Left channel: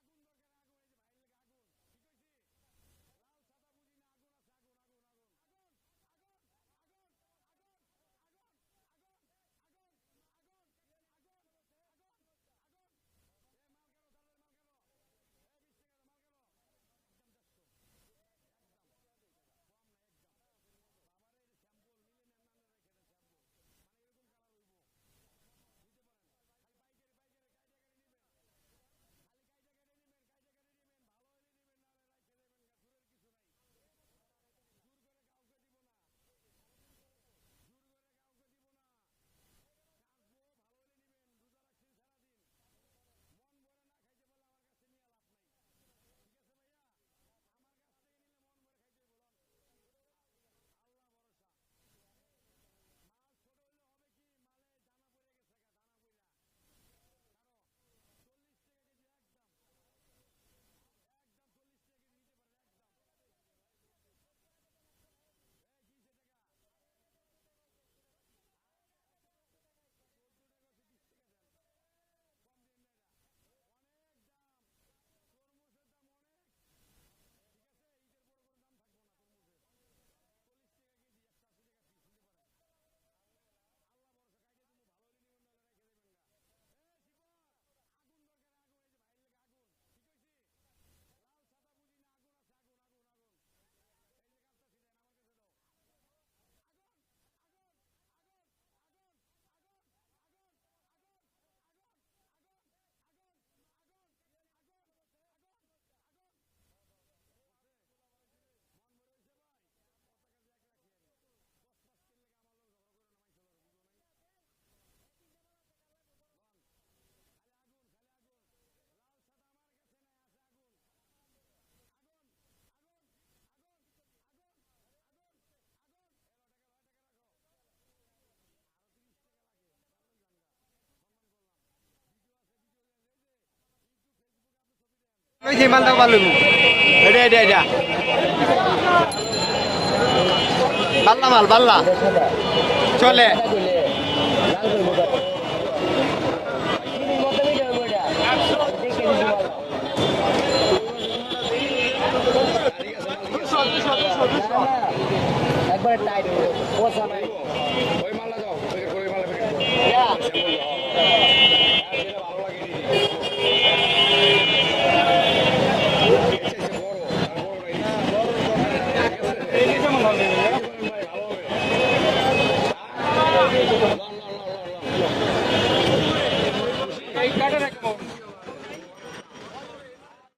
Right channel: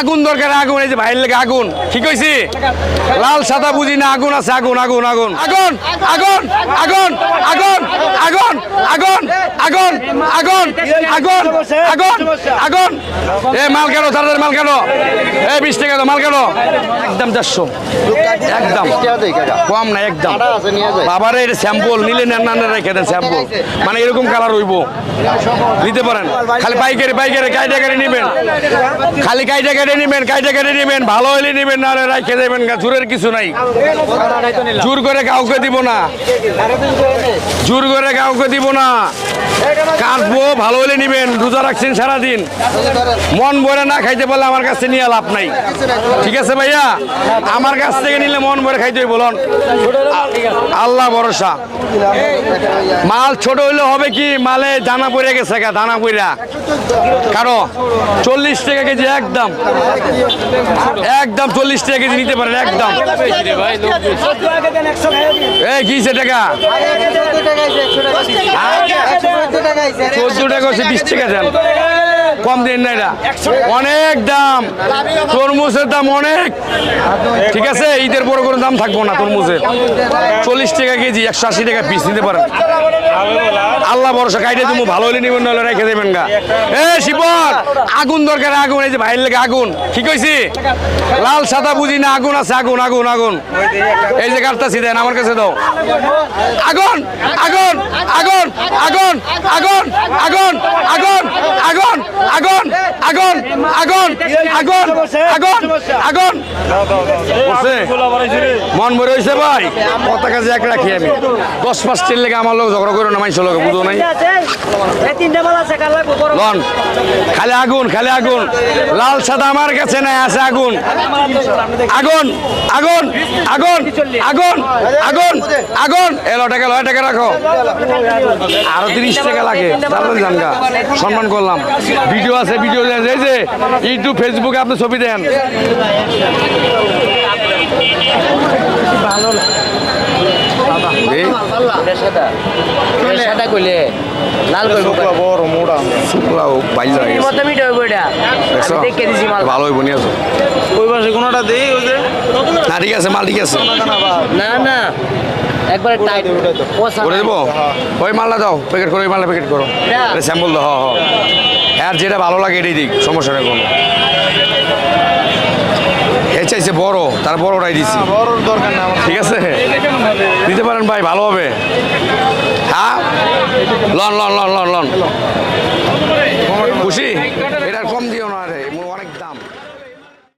আগুন দরকার, আগুন, এই যে ভাইয়ের লেগে আগুন। ঠিক হয়েছি লাল সাদা বুঝি না, আগুন আছে, আগুন আগুন আগুন। আগুন আগুন আগুন আগুন আগুন আগুন আগুন। আগুন আগুন আগুন আগুন আগুন। এ, মাল কেন, তাদের মাল কেন? এ, বিশ টাকা দাও, মাল কেন? একদম চারশো একদম। কম না, একদম। বাবারে এটা স্যাম্পল নিলে নেন রেখে দেন স্যাম্পল মানে এরকম কালার হইব। নিতে পারেন। খালি পাইকারি পাইকারি কাইটা কেটে নেবেন। খালি কাইটা কেটে নেবেন কাইটা কেটে নেবেন। ভালো হলে নেবেন, না হলে রেখে দেবেন জোরের কিছু নাই। জোর করে কাউকে দিব না। জোর করে কাউকে দিব না। কাটবো ভালো হলে নিবেন রোজা রাখছেন সারাদিন মন ভরে না খাইতে পারলে আমার কাছে নিয়ে লাভ নাই ঠিক আছে ভাইয়া আমার কাছ থেকে নিলে মন ভরে খাইতে বলুন আল্লাহ ভরসা মাল ছোট হইলে হবে কি মালে দানা পড়ে গেছে দানা পড়া কারও চল্লিশ টাকা কেজি একদম একদম চল্লিশ টাকা কেজি নিতে পারেন একদম এই কিসে টাকা চোদ্দ টাকা হচ্ছে বিশ টাকা দেন কম দিন না এটা। অনেক দাম। তরমুজের দাম অনেক। ঠিক আছে ঈদের বড় কোনো দাম থাকব না তরমুজের। চল্লিশ টাকা কেজি একশো আশি টাকা পিস নিতে পারেন। আল্লাহ ভরসা কাইটে তুমি ভালো হলে নিবেন নাহলে রেখে দেবেন গা। এ শিবর আগুন দরকার আগুন এই যে ভাইয়ের লেগে আগুন। কি কইছি? লাল সাদা বুঝি না আগুন আছে আগুন আগুন আগুন। এই যে কাটতাছি দেন আমার কাছে দাও। আগুন আগুন আগুন আগুন আগুন আগুন আগুন আগুন আগুন আগুন আগুন আগুন আগুন। মন ভরে হয়েছে ভাই। কথা কাজে এক রাখি আমি। দশ পাঁচ তিন লেগে আমার লোক ঝগড়া করে না মাইসের লোক বুঝো নাই? লন খালি আগুন খালি আগুন। লাল সাদা আমার কাছে নাই আছে আগুন। আগুন আগুন আগুন আগুন আগুন আগুন। এলো টাকা লয় টাকা রাখো। আরও তিরিশ টাকা লাগে। সম্মান করলাম। ভিডিও আছে ভিডিও দেন এই যে ইউটিউব ফেসবুকে আপনি ছবি দেন। সাদা কইলে লাল করব শুকলাও বাইল গেছে কত হইব এটা। দেখছ? দেখে দিছি মাল। ভালো হইব নিয়ে আসো ওই পাশে কোনোটা দেই ওই যে? না ঠিক আছে মাল ঠিক আছে। না না। একবারে টাইট পোষা করে দেবো? ওই মালটা দাও প্যাকেট করো ওই মালটা প্যাকেট করো। এটা? স্যাম্পল দাও হ্যাঁ হ্যাঁ যার যেটা ভালো লাগে এটাই দিক সমস্যা নেই কোনো। বড় চাইছে বড় তার বড়টাই দিছি। ঠিক আছে? দিতে পারেন ভাই ভালো হবে। হ্যাঁ? লন লন লন লন লন। খুশি? এটা কম দিও না